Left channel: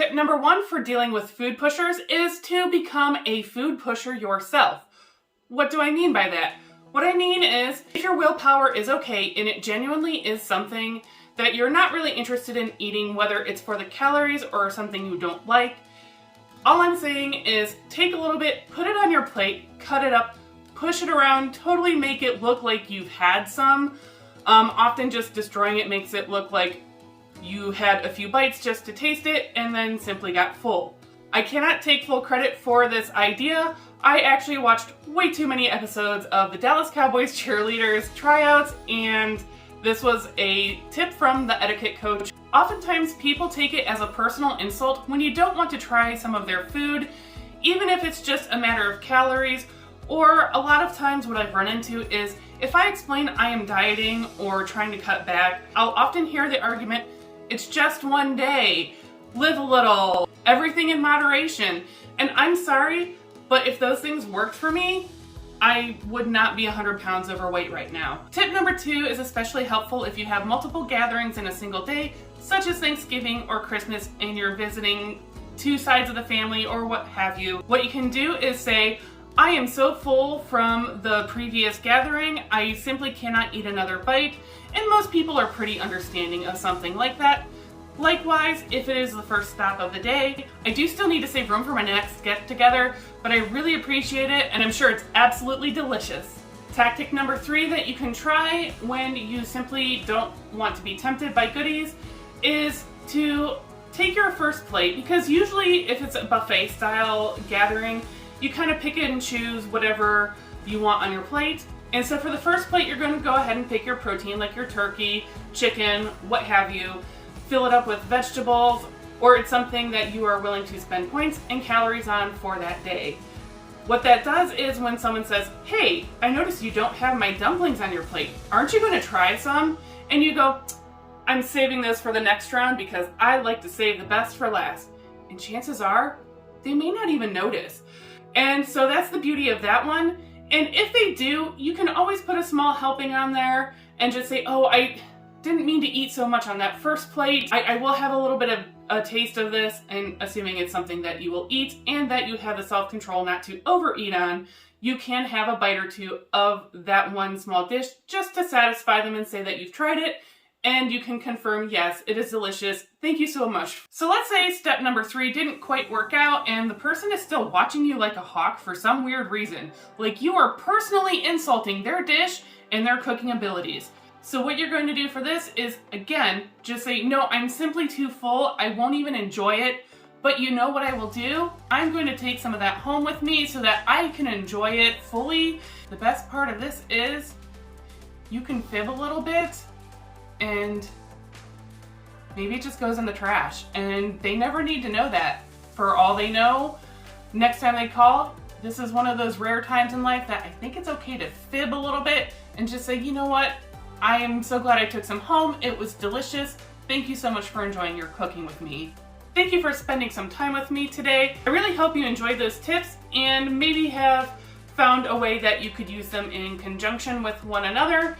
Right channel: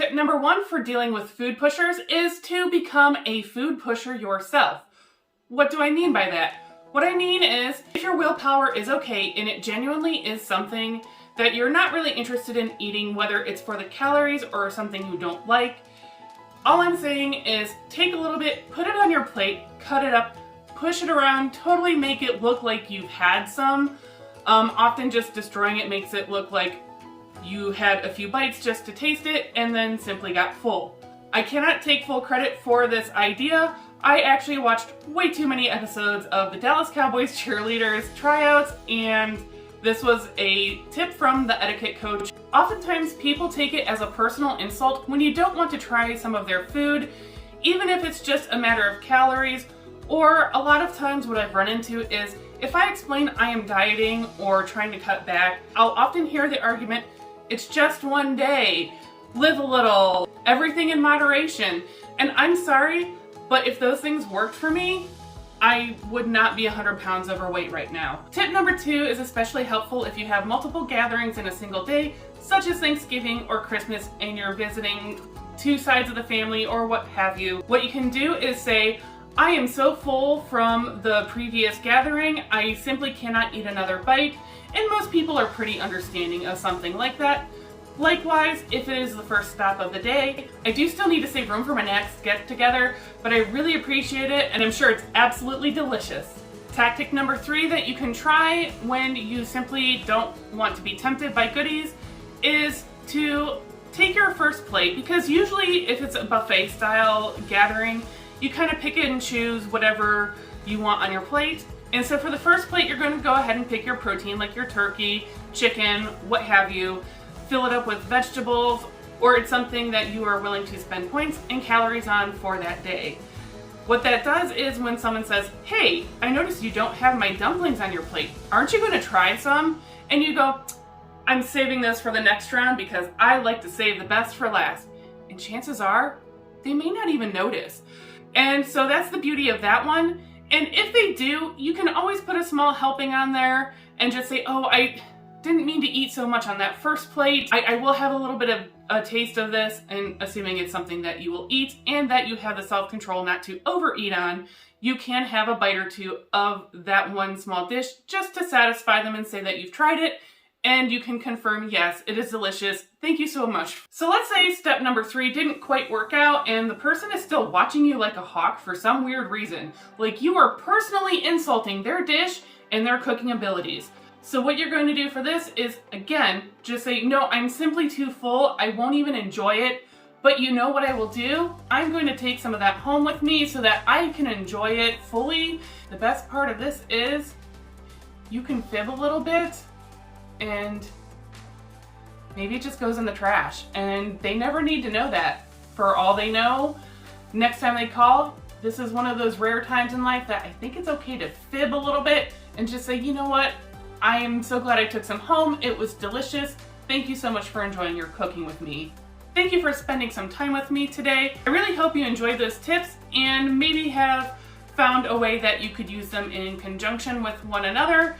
Tip number 1 for dealing with food pushers is to become a food pusher yourself. What do I mean by that? What I mean is, if your willpower is okay and it genuinely is something that you're not really interested in eating, whether it's for the calories or something you don't like, all I'm saying is take a little bit, put it on your plate, cut it up, push it around, totally make it look like you've had some. Often just destroying it makes it look like you had a few bites just to taste it and then simply got full. I cannot take full credit for this idea. I actually watched way too many episodes of the Dallas Cowboys cheerleaders tryouts, and this was a tip from the etiquette coach. Oftentimes people take it as a personal insult when you don't want to try some of their food, even if it's just a matter of calories. Or a lot of times what I've run into is if I explain I am dieting or trying to cut back, I'll often hear the argument, it's just one day, live a little, everything in moderation. And I'm sorry, but if those things worked for me, I would not be 100 pounds overweight right now. Tip number 2 is especially helpful if you have multiple gatherings in a single day, such as Thanksgiving or Christmas, and you're visiting two sides of the family or what have you. What you can do is say, I am so full from the previous gathering, I simply cannot eat another bite. And most people are pretty understanding of something like that. Likewise, if it is the first stop of the day, I do still need to save room for my next get together, but I really appreciate it and I'm sure it's absolutely delicious. Tactic number 3 that you can try when you simply don't want to be tempted by goodies is to take your first plate, because usually if it's a buffet style gathering, you kind of pick and choose whatever you want on your plate. And so for the first plate, you're going to go ahead and pick your protein, like your turkey, chicken, what have you. Fill it up with vegetables, or it's something that you are willing to spend points and calories on for that day. What that does is when someone says, hey, I noticed you don't have my dumplings on your plate. Aren't you going to try some? And you go, I'm saving this for the next round because I like to save the best for last. And chances are, they may not even notice. And so that's the beauty of that one. And if they do, you can always put a small helping on there and just say, oh, I didn't mean to eat so much on that first plate. I will have a little bit of a taste of this, and assuming it's something that you will eat and that you have the self-control not to overeat on, you can have a bite or two of that one small dish just to satisfy them and say that you've tried it, and you can confirm, yes, it is delicious. Thank you so much. So let's say step number 3 didn't quite work out and the person is still watching you like a hawk for some weird reason. Like you are personally insulting their dish and their cooking abilities. So what you're going to do for this is, again, just say, no, I'm simply too full. I won't even enjoy it. But you know what I will do? I'm going to take some of that home with me so that I can enjoy it fully. The best part of this is you can fib a little bit and maybe it just goes in the trash. And they never need to know that. For all they know, next time they call, this is one of those rare times in life that I think it's okay to fib a little bit and just say, you know what? I am so glad I took some home. It was delicious. Thank you so much for enjoying your cooking with me. Thank you for spending some time with me today. I really hope you enjoyed those tips and maybe have found a way that you could use them in conjunction with one another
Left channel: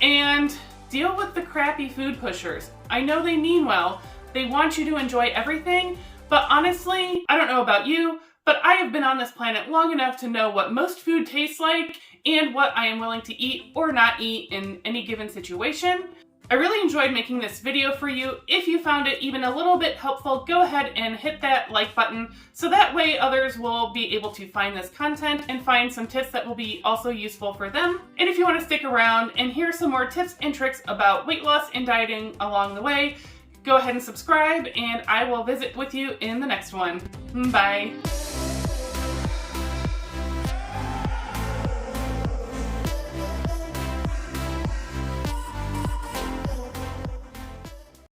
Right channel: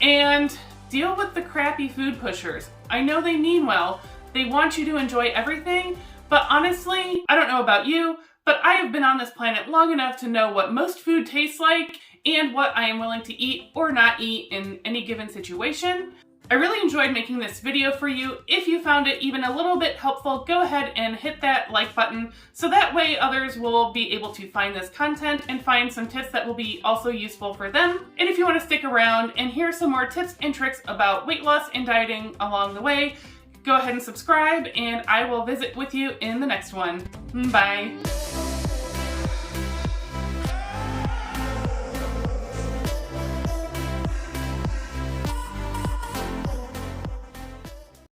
and deal with the crappy food pushers. I know they mean well. They want you to enjoy everything, but honestly, I don't know about you, but I have been on this planet long enough to know what most food tastes like and what I am willing to eat or not eat in any given situation. I really enjoyed making this video for you. If you found it even a little bit helpful, go ahead and hit that like button so that way others will be able to find this content and find some tips that will be also useful for them. And if you want to stick around and hear some more tips and tricks about weight loss and dieting along the way, go ahead and subscribe and I will visit with you in the next one. Bye.